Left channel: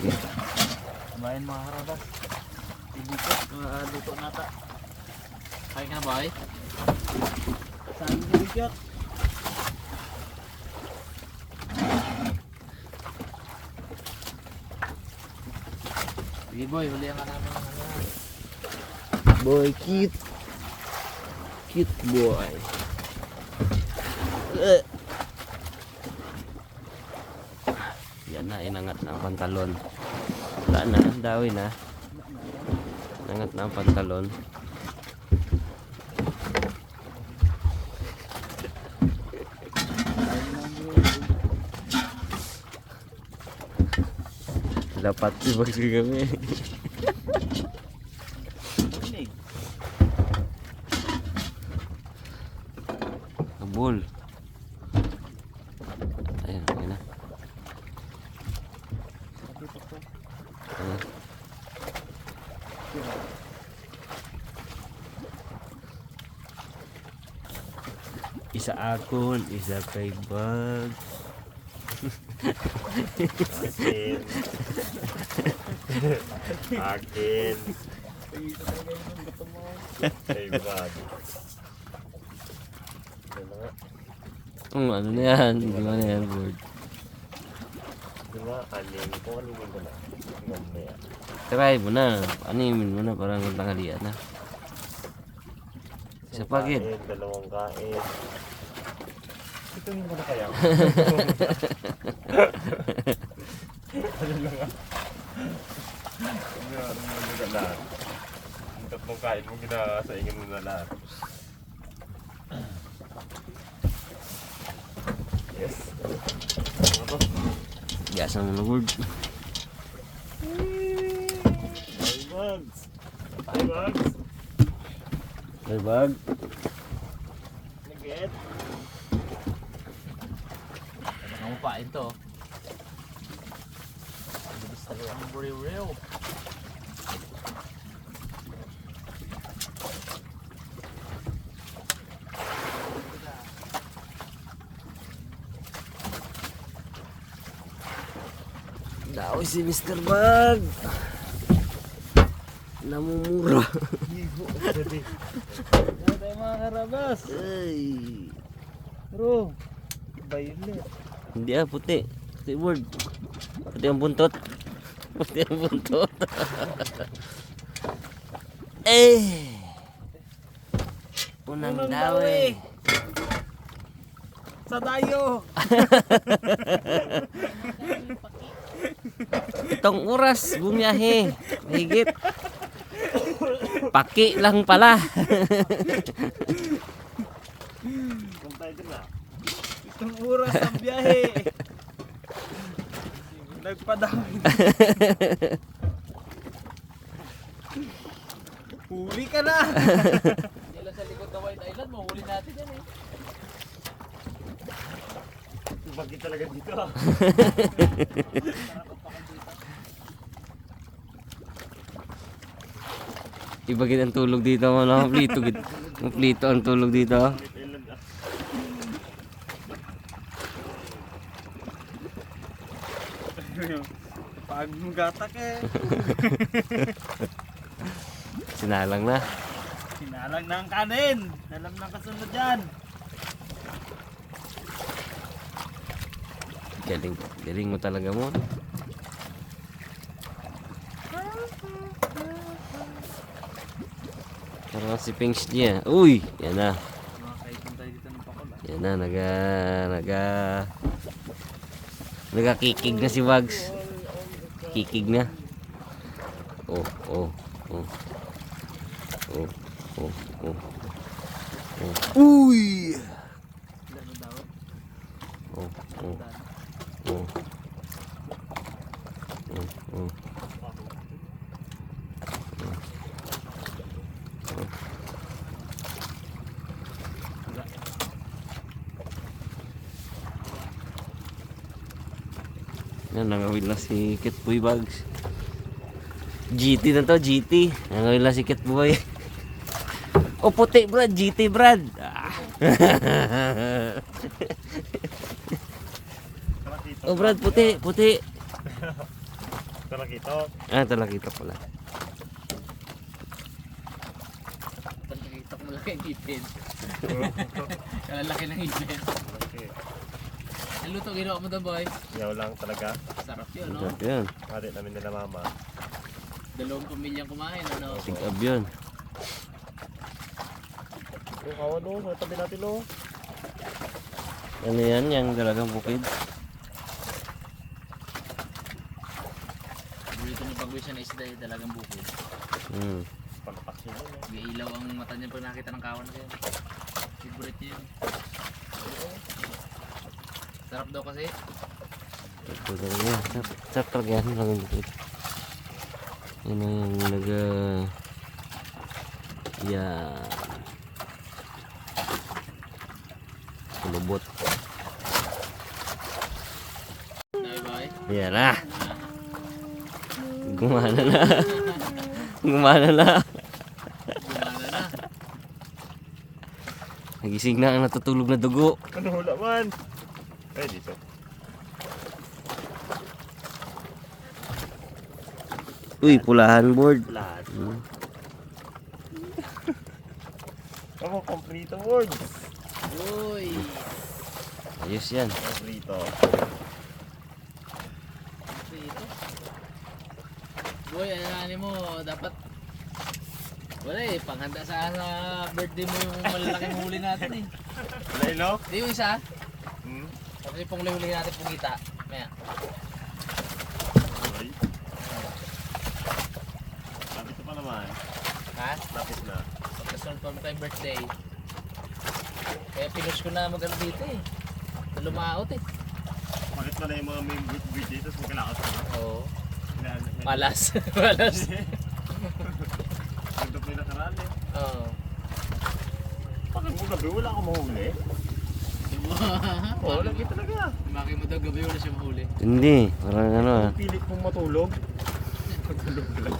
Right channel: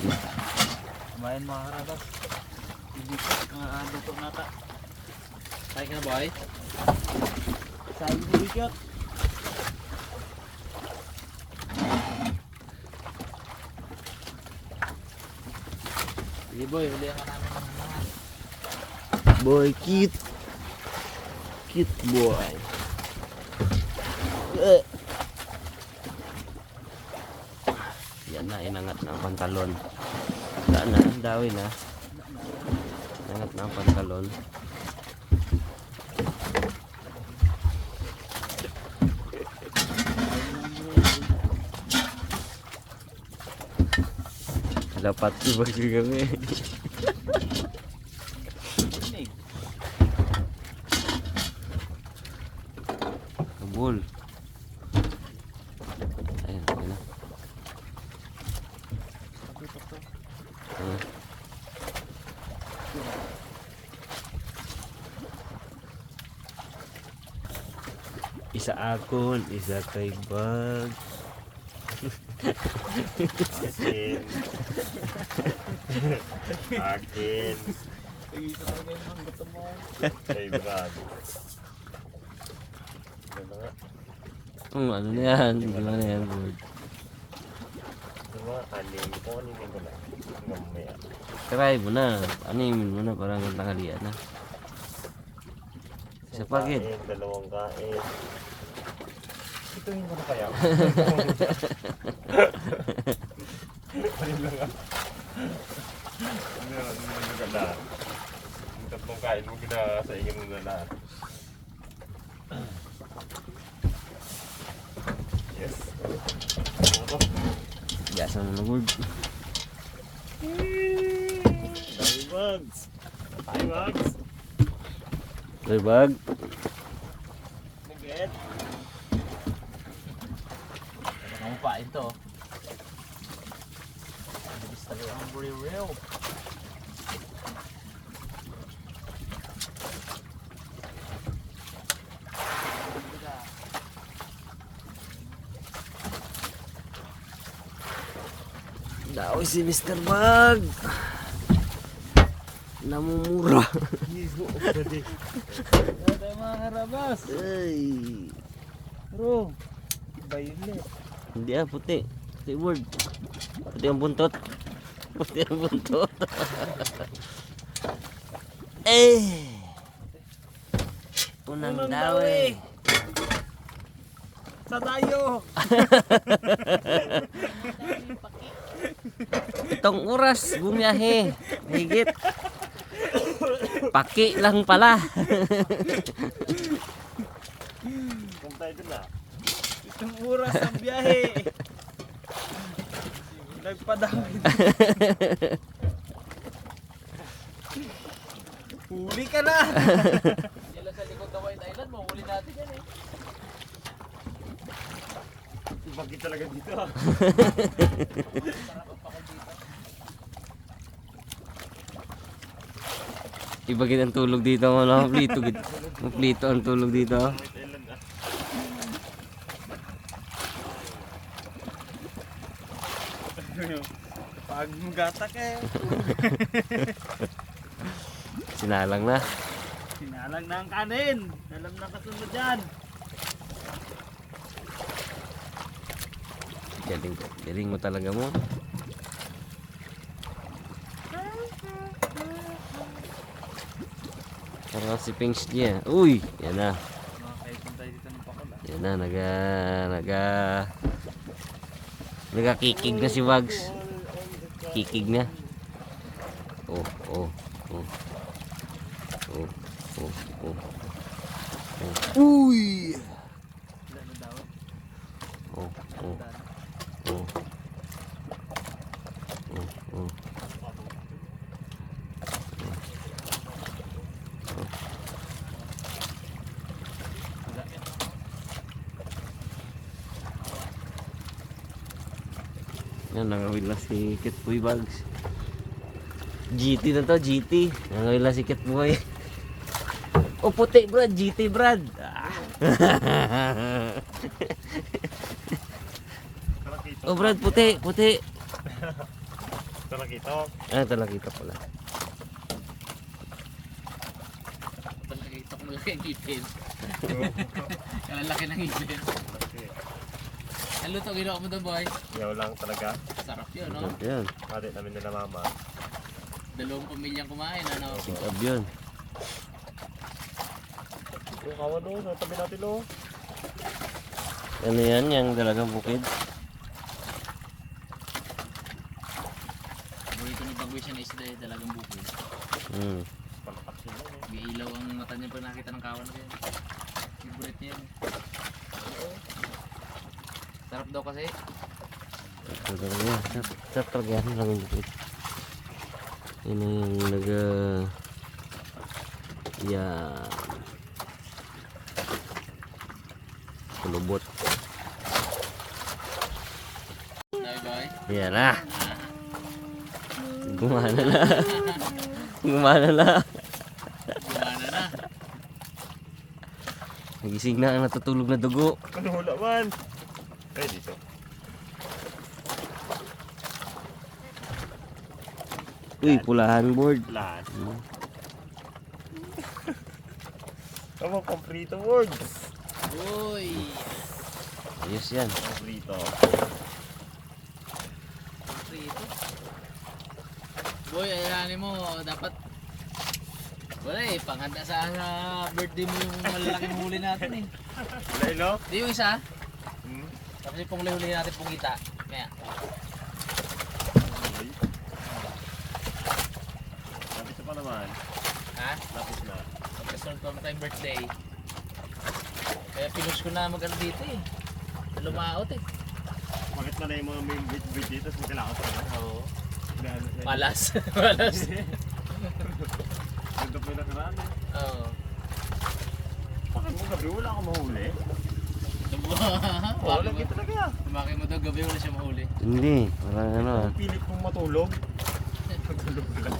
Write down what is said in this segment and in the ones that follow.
Kumain mga karabas. Ibigit, luto nata. Kaya ka na boy? Saan ibigit? Sige boy, hulihan ka namin ng ano. Boy, cute. Cute boy. Yan na, inangat na ang pantalon. Wala na, dawi na. Inangat na ang pantalon. Dapat ibagi kami. Kabul. Ayan, ayan na. Ayan. Isa akon, isa kay Bag. Akin. Akin. Kay Brad. Ano nga? Ano na yan? Ano na yan, Bud? Diba? Anim. Kung animin ko na. Mamaya. Try mo na. Animin mo na parang tanghalian na. Sa pagid. Kain, dalawang kain. Ituhin mo na kaya. Ano lang ah. Ano lang lahat. Yung tatlong kain mo ginasaingin mo na lahat. Yes. Ano? Gasa mo na, Bud. Ay, Bugs. Ay, Bugs. Kay Bag. Nagget. Ano mo pa ito? Bilis talaga ang buriw-rew. Daoy si Mr. Bag. Namumura. Ano tayo mga karabas? Ay. Bro, iba yun eh. Hindi puti. Puti, Bud. Puti ang buntot. Puti ang buntot. Unang dawi. Sa tayo! Itong oras bumiyahe. Higit. Paki lang pala. Kung tayo dun ah. Itong oras ang biyahe. Nagpadami. Huli ka na! Yan lang sa likod ng White Island, mahuli natin yan eh. Ibagi talaga dito ah. Ibagin ang tulog dito mga plito. Plito ang tulog dito. Pag magatak eh. Sinalang na. Sinalang na ang kanin. Alam na kasunod dyan. Galing, galing mo talaga mo. Parang si Pinks niya. Uy! Yan na. Makakaipon tayo dito ng pakol ah. Yan na. Nagakikig na si Wags. Kikig na. Oh. Uy! Ilan na daw? Oh. Yan, nangawin na si Kitboy Bags. GT na to, GT. Nangawin na si Kitboy. O puti Brad, GT Brad. O Brad, puti. Talakito. Talakita pala. Nakikita ko malaki ang ipin. Kalalaki ng ipin. Okay. Ano to ginawa mo doon, boy? Yaw lang talaga. Sarap yun, no? Sarap yun. Hati namin nila mama. 2 pamilyang kumain, ano? Sarap yun. Yung kawan o, sa tabi natin o. Ano yan? Yung dalagang bukid? Paborito ni Bagwis siya na isda yung talagang bukid. Hmm. Palakas yun o. May ilaw ang mata niya pag nakita ng kawan na yan. Favorite niya yun. Sarap daw kasi. Ito talaga. Sarap talaga yan. Dalagang bukid. Yun na yung yan. Kulubot. Bye-bye. Yan na. Gumana na. Gumana na. Gumana na. Nagising na ang natutulog na dugo. Ano hula man? Kaya dito. Uy, pulahan board. Lahat. Hmm. Tama, komprito word. Uy! Ayos yan. Komprito. Prito. Boy, ayanin mo, dapat wala eh, panghanda sa birthday mo yung malalaking huli natin eh. Lailo? Di yung isa, Hmm. tapos yung panghuli natin pungita. Maya. Ay. Lapit na pa naman. Ha? Lapit na. Pagkasunod pa mo tayong birthday. Kaya pinush ko na mag-ano dito eh. Na lumaot eh. Bakit mo na yung mga may bit dito tapos magkalakas ka ba? Oo. Na- Malas. Malas. Ang dapay na karaan eh. Oo. Bakit mo gabi wala akong mahuli? Oo, lagi talaga. Maki mo daw gabi wala siya mahuli. Hindi. Parang ano ah. Ang pilit mong matulog. Matulog wala.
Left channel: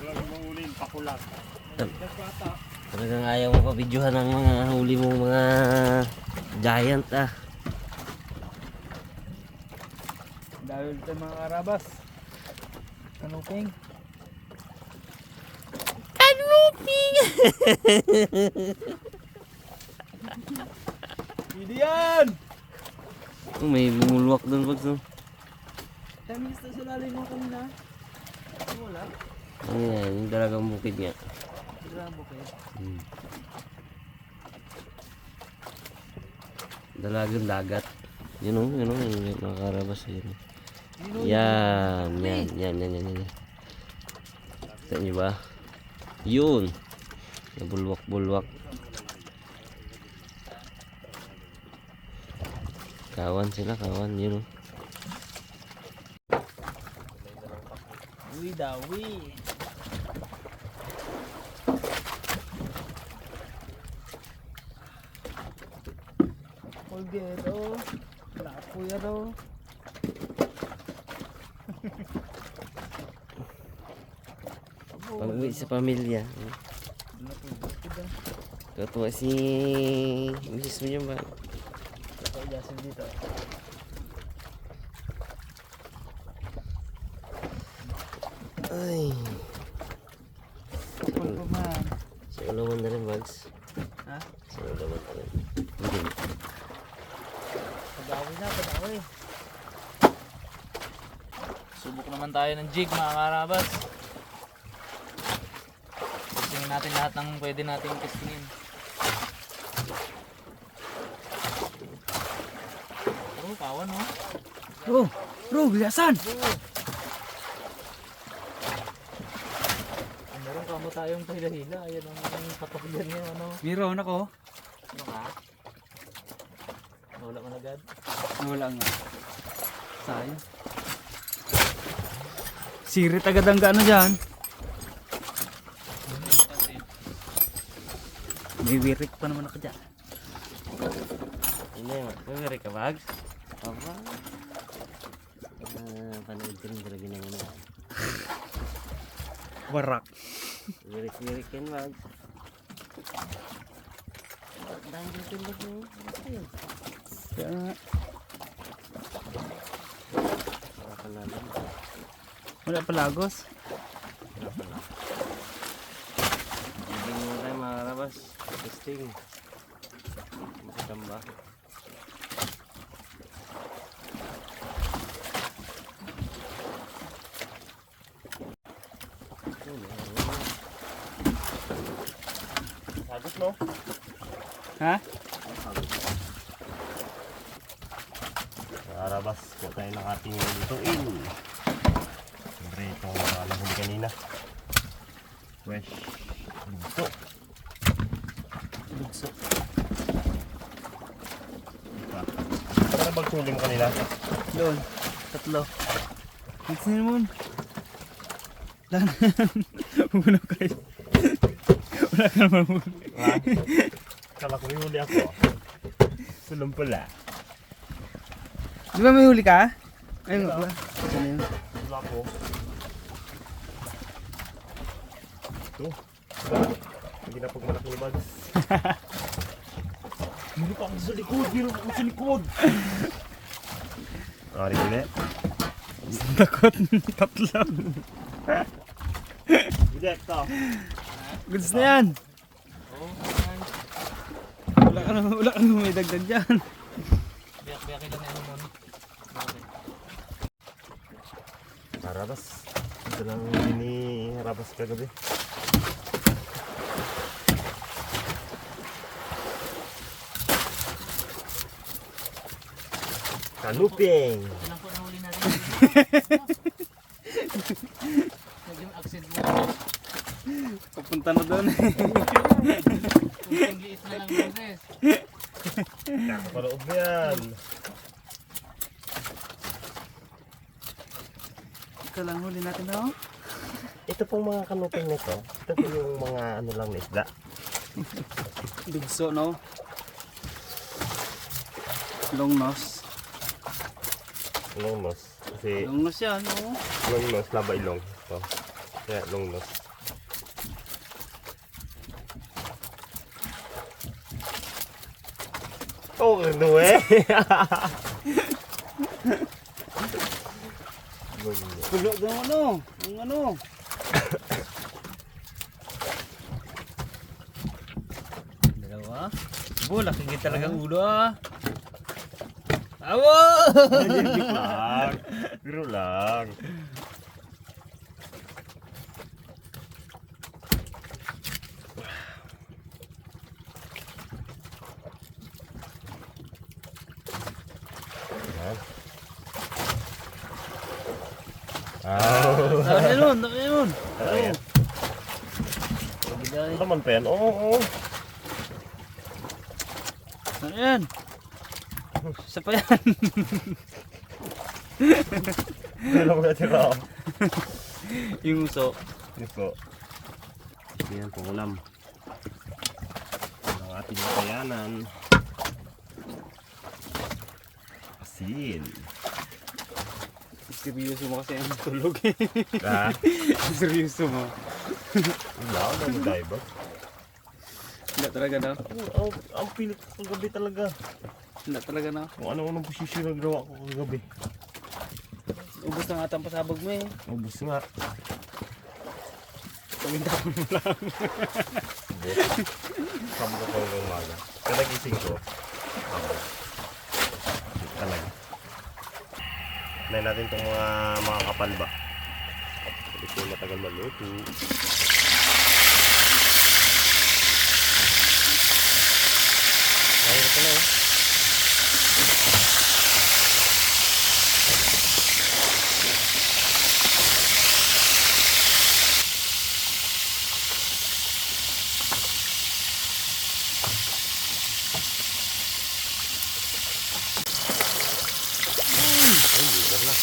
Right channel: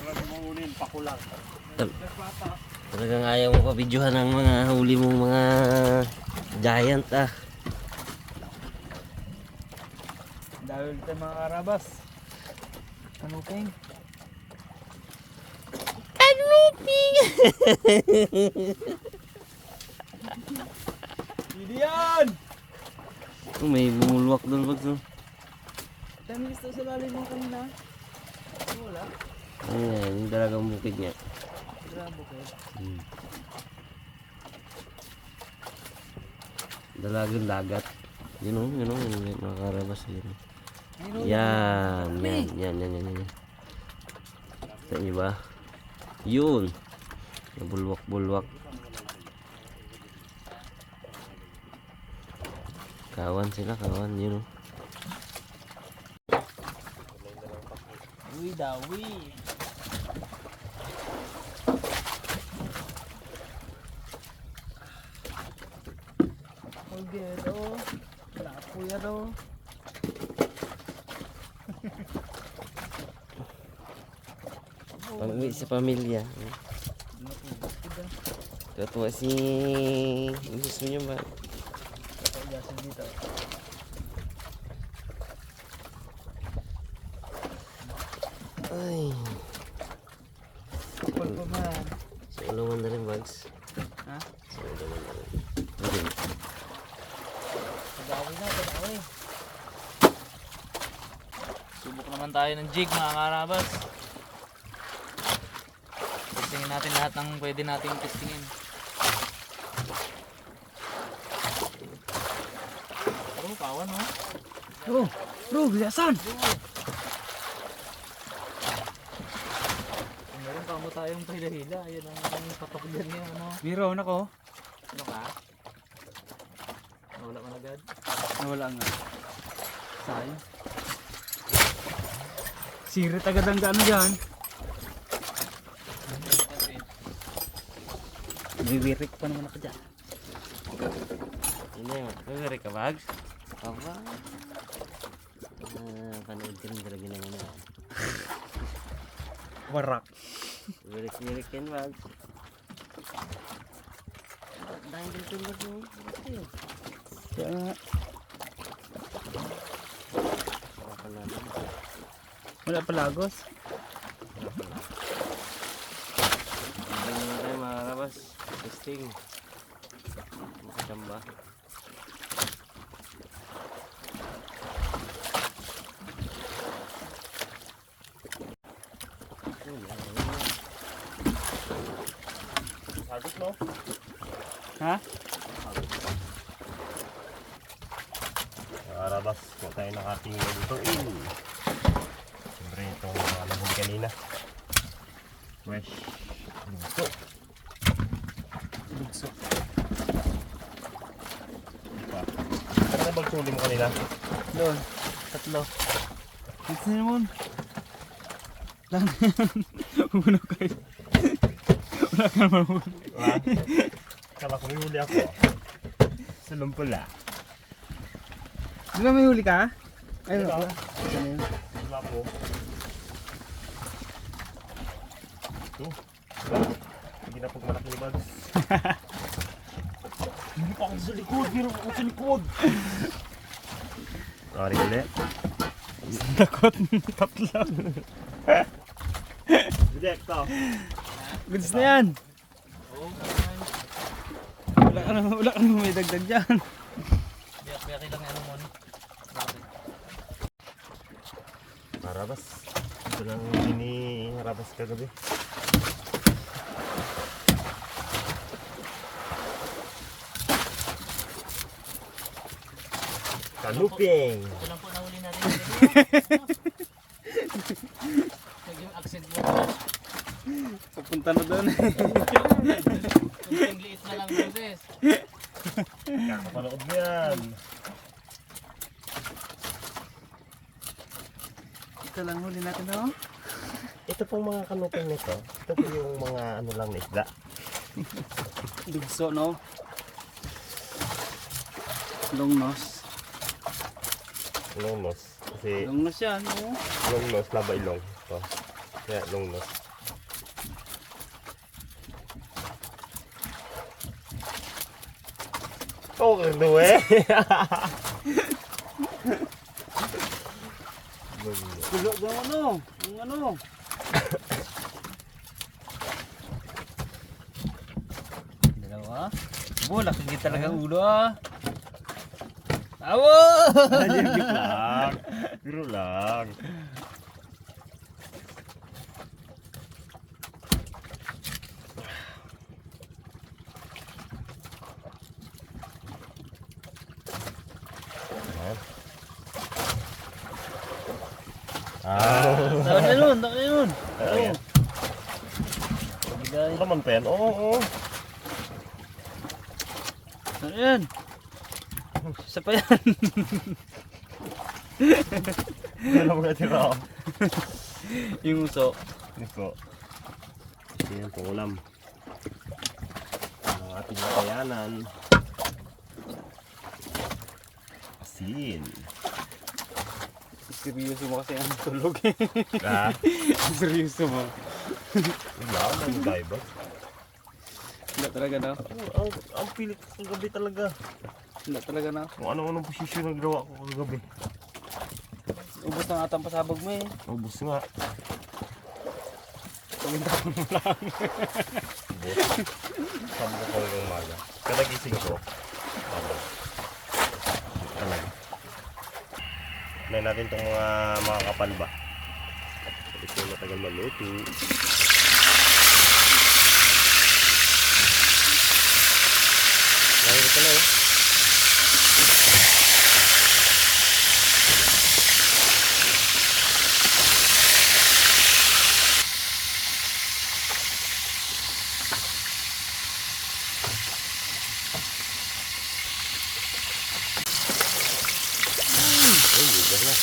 Wala akong mahuli, pakulang. Talagang ayaw mo pa videohan ng mga huli mong mga giant ah. Dahil ito mga karabas. Ano kong? Hindi yan! Oh, may bumulwak doon pag no. Dami gusto sa lalim mo kanina. Wala. Ano yan? Yung dalagang bukid nga. Grabo kayo. Hmm. Dalagang dagat. Yun o, yung mga karabas. Yun. Yan. Kita nyo ba? Yun. Nabulwak-bulwak. Kawan sila, kawan. Yun o. Uy, dawi. Pulgero. Lapo yan o. Pag-uwi sa pamilya. Katuwa si misis mo niya ba? Jasin dito. Ay. Pagkaman. Sa ulawan na rin, Bags. Ha? Sa ulawan na rin. Hindi. Padawi na, padawi. Subok naman tayo ng jig mga karabas. Testingin natin lahat ng pwede nating testingin. Oh, kawan oh. Bro, bilasan! Meron kamo tayong pahila-hila. Ayan ang papakyan niya, ano. Meron ako. Ano ka? Wala man agad. Nawala nga. Sayang. Sirit agad ang gaano dyan. May wirik pa naman ako dyan. Yun na yun. May ka, Bags? Aba. Panood ka rin talaga ng ano. Warak. Wirik-wirik yan, Bags. Dahil Philippine bird mo. Kaya nga. Wala pa natin. Wala pa lagos. Wala pala. Bigyan muna tayo mga karabas. Testing. Makadamba. Agos no? Ha? Arabas, kung tayo ng ating lutuin. Siyempre itong nahuli kanina. Fresh. Luto. Lugso. Ano bang suli mo kanina? Doon. 3. Ito na naman. Lang na yan. Una kayo. Wala ka naman huli. Ha? Kala ko may huli ako. Sulong pala. Di ba may huli ka? Ay, Diba? wala. Ayun. Wala po. Ito. Hindi na pag malaki ni Bugs. Hindi pa ako sa likod. Meron ako sa likod. Sorry ulit. Takot. 3. Ulit ka. Goods na yan. Oo. Wala ka naman may dagdag dyan. Biyak-biyakin lang ano mo. Okay. Rabas. Ito lang ni Rabas kagabi. Kanuping. Ito lang po nahuli natin. Naging accent lang. Papunta na doon. Kunting liit na lang business. Kapaloob na yan. Ito lang huli natin, no? Ito pong mga kanuping nito. Ito po yung mga ano lang na isda. Lugso, no? Long nose. Long nose. Kasi Long nose yan, no? long nose, laba ilong. Ito. Kaya long nose. Oh, ano eh? Pulo ng ano? Yung ano? Dalawa. Bo, laki talaga ang ulo, ah. Awo! lang. Biro lang. Tawag na nun, tawag na nun. Ayan. Pagbiday. Naman pa yan. Oo. Ano yan? Isa pa yan. Wala mo natira. Yung uso. Ito. Yan pong ulam. Ang ating makayanan. Asin. Seryoso mo kasi ang tulog eh. Ha? Seryoso mo. Wala, ano tayo ba? Wala talaga na. Ang pilit ko kagabi talaga. Wala talaga na. Kung ano-anong posisyon na ginawa ko kagabi. Ubus na nga atang pasabog mo eh. Ubus nga. Pagintapon mo lang. Ubus. Sabog ako hanggang umaga. Kanagising ko. Sabog. Talaga. Tignan natin itong mga kapal ba. Ito yung matagal maluto. Ayan ito na eh. Ay, ligar na.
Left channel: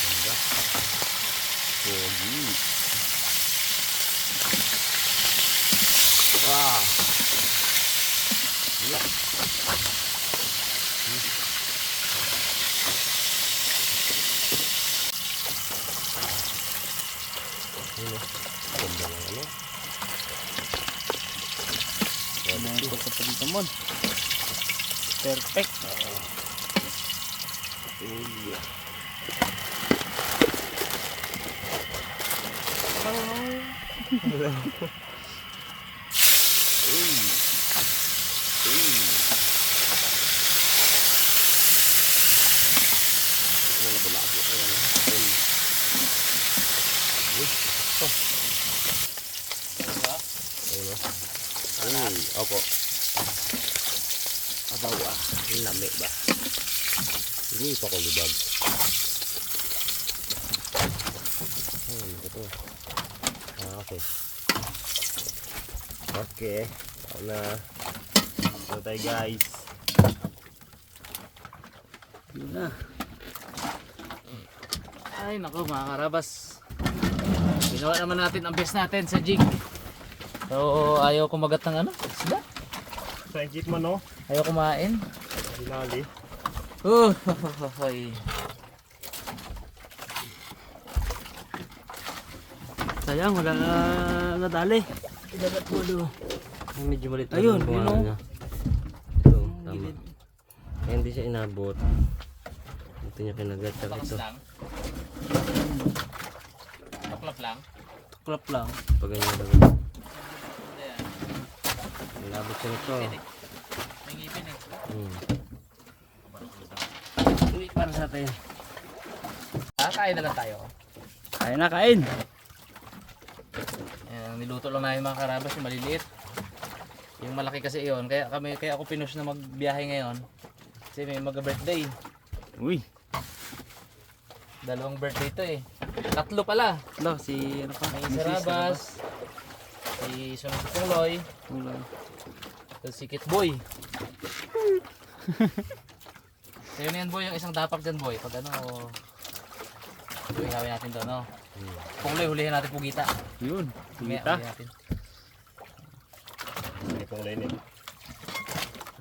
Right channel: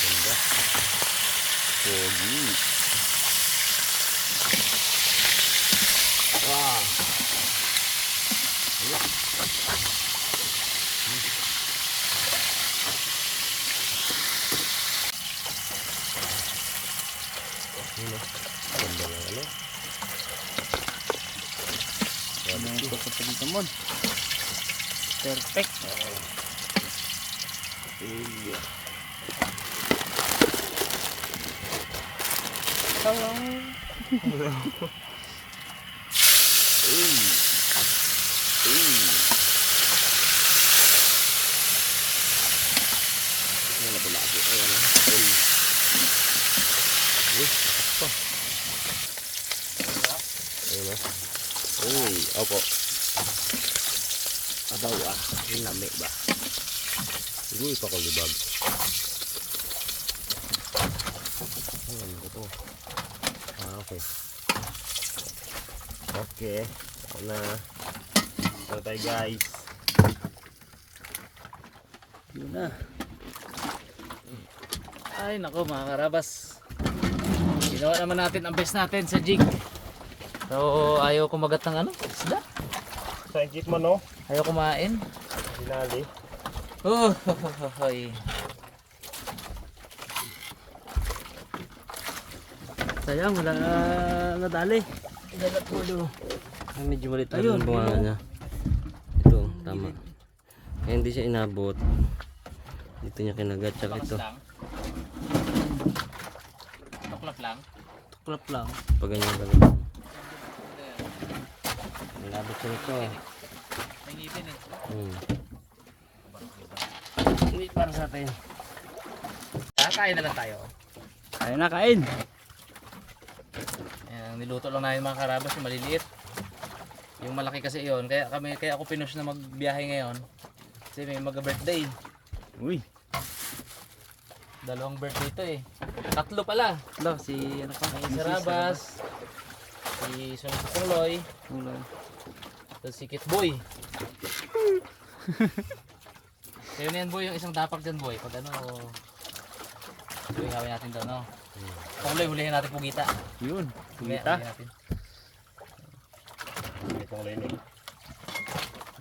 Ganda. Pogi. Wow. Yun eh. Ganda ng ano. Ano ang pagkapalita mo? Perfect. Ayun eh. Uy, opo. Abaw ah. Yung lami ba? Ini pa ko libag. Ayun, ito. Ah, okay. Okay. Ako na. Ito tayo guys. Yun na. Ay nako mga karabas. Ginawa naman natin ang best natin sa jig. So ayaw kumagat ng ano? Isda? Sa jeep mo no? Ayaw kumain. Dinali. Oh, hoy. Sayang, wala na nadali. Dagat mo do. Medyo malit lang Ayun, yung bunga yun, oh. niya. Ito, tama. Kaya hindi siya inabot. Dito niya kinagat. Tsaka ito. lang. Tuklap lang. Crop lang. Pag ganyan ba? Inabot siya nito. May ngipin eh. Hindi para sa atin. Kakain na lang tayo. Kain na, kain. Ayan, niluto lang namin mga karabas yung maliliit. Yung malaki kasi iyon. Kaya ako pinush na magbiyahe ngayon. Kasi may mag-birthday. Uy. 2 birthday ito eh. 3 pala. Hello, si ano pa? May Sarabas. Si Sunod Pungloy. Uloy. Tapos si Kit Boy. So yun yan boy, yung isang dapak dyan boy. Pag ano, hawin natin doon no. Pungloy, hulihin natin pugita. Yun. Mamaya, Pugita. hulihin natin. Itong linig.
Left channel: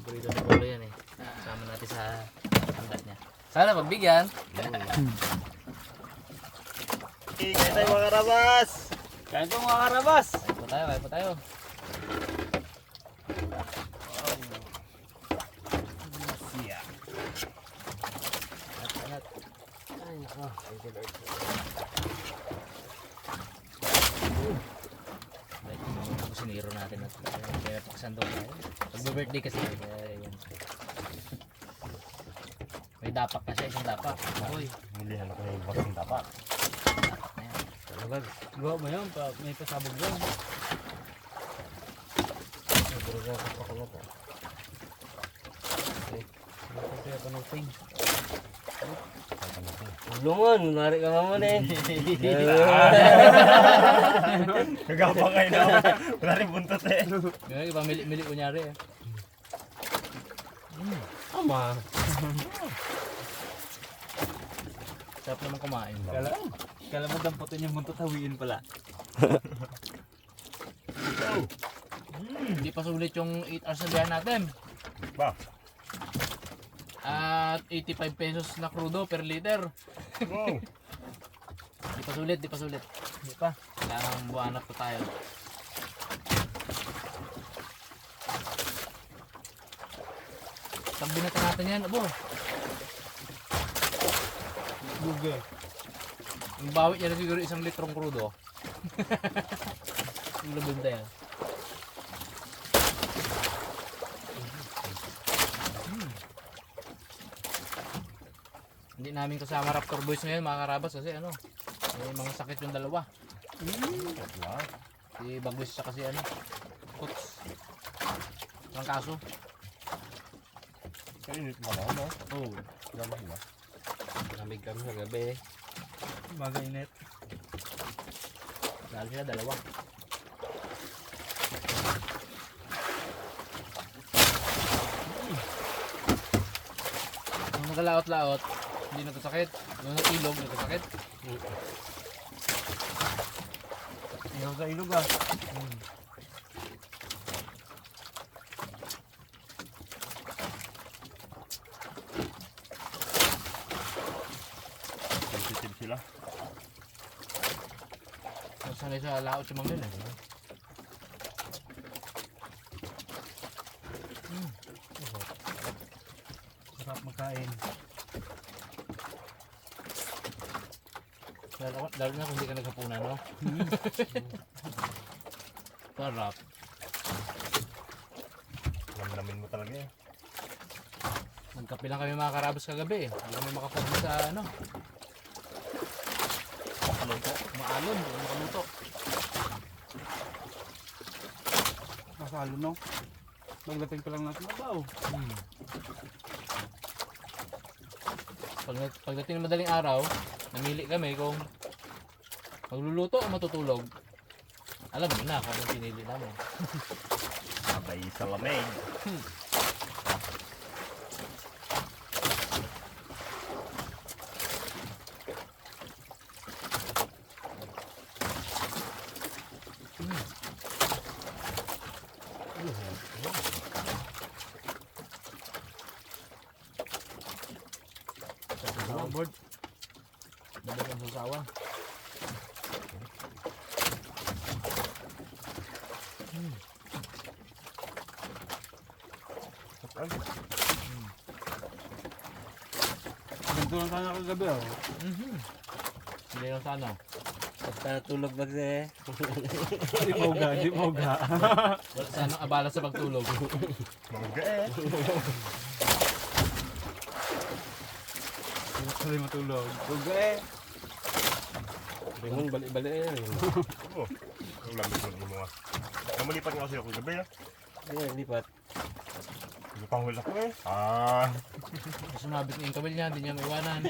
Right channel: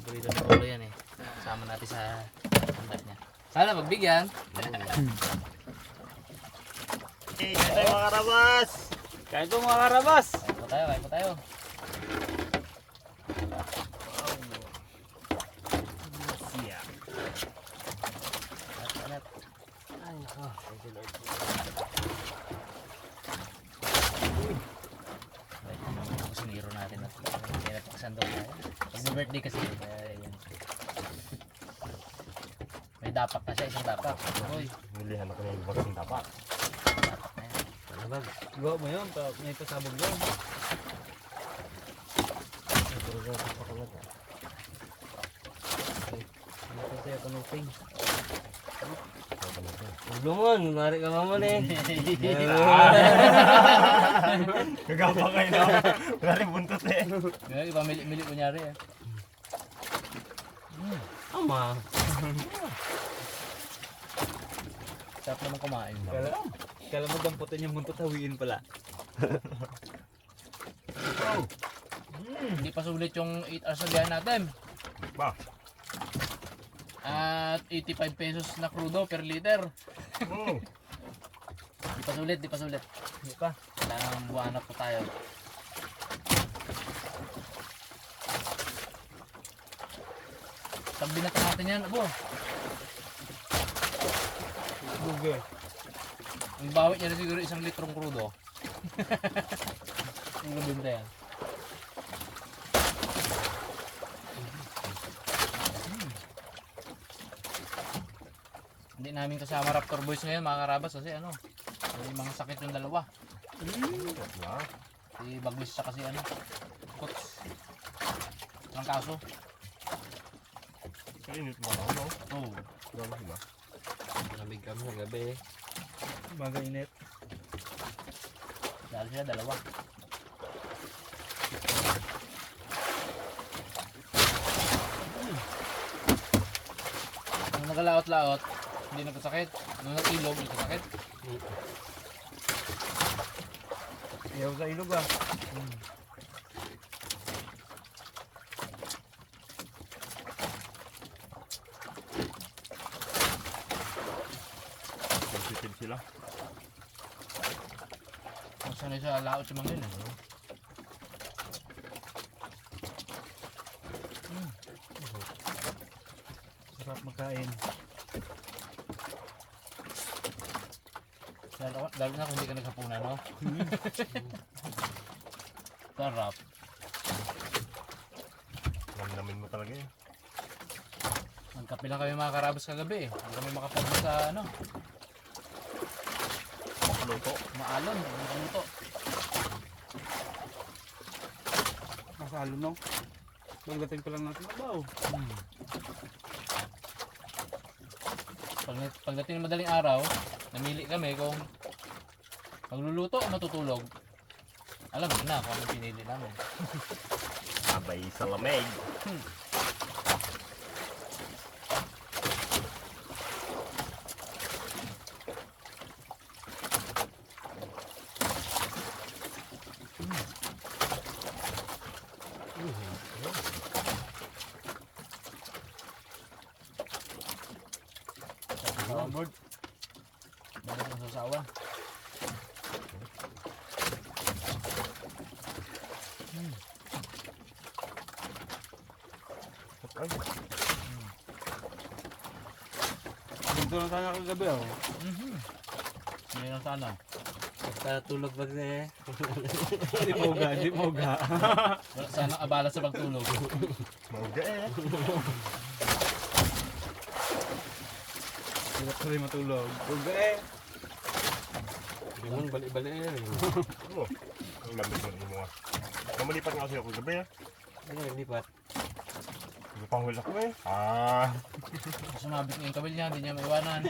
Pugita sa Pungloy yan eh. Kasama natin sa hanggat niya. Sana magbigyan. Hey, kaya tayo mga karabas! Kain po mga karabas. Kain po tayo. At, ay nako. Thank you Lord. Siniro natin at kaya napakasando tayo. Pag-birthday kasi. Kaya yun. May dapak na siya, isang dapak. Uy, Hulihan ako ng bagang tapak. dapak na yan. Gawa mo yun, may pasabog yun. Puro sa tapak ko na ito. Kasi ito ng ping. Ulungon, mari ka mamon eh. Kagapang kayo na. Wala rin buntot eh. Yung iba mili kunyari eh. Ama. Sarap naman kumain. Kala mo damputin yung buntot, hawiin pala. Hindi pa sulit yung 8 hours na biyahe natin. Ba? At 85 pesos na crudo per liter. Di pa sulit, di pa sulit. Di pa. Kailangan buwanap pa tayo. Pag binata natin yan, abo. Google. Ang bawit niya na siguro 1 litrong crudo. Ang labinda yan. Hindi namin kasama Raptor Boys ngayon mga karabas kasi ano, may mga sakit yung dalawa. Si Bagwis siya kasi ano, Kuts. Ang kaso. Kainit ba ako no? Oo. Gawin ba? Lamig kami sa gabi eh. Baga init. Dahil sila dalawa. Nung nagalaot-laot, hindi nagkasakit. Nung nag-ilog, nagkasakit. Ayaw sa ilog ah. Sensitive sila. Sanay sa laot si Mamil eh. Sarap magkain. Lalo na kung hindi ka naghapunan, no? Sarap. Namnamin mo talaga eh. Nagkape lang kami mga karabas kagabi eh. Hindi kami makapagod sa ano. Makaluto. Maalon, hindi kami makaluto. Masalo no? Pagdating pa lang natin mabaw. Pagdating ng madaling araw, namili kami kung magluluto o matutulog. Alam mo na kung anong pinili namin. Abay sa lamig. Sa board. Balik ang sasawan. Ay, Ganito lang sana kagabi oh. Hindi lang sa ano. Para tulog ba eh? Di moga, di moga. Wala sana abala sa pagtulog. mangga eh. Hindi ko rin matulog. Tulog eh. Bingon balik-balik eh. Oo. Ang lamig mo, di mo ah. Namalipat nga sila ko gabi ah. Ano yung lipat? Hindi pang wala ko eh. Ah. Sumabit niya yung kabil niya, hindi niya maiwanan.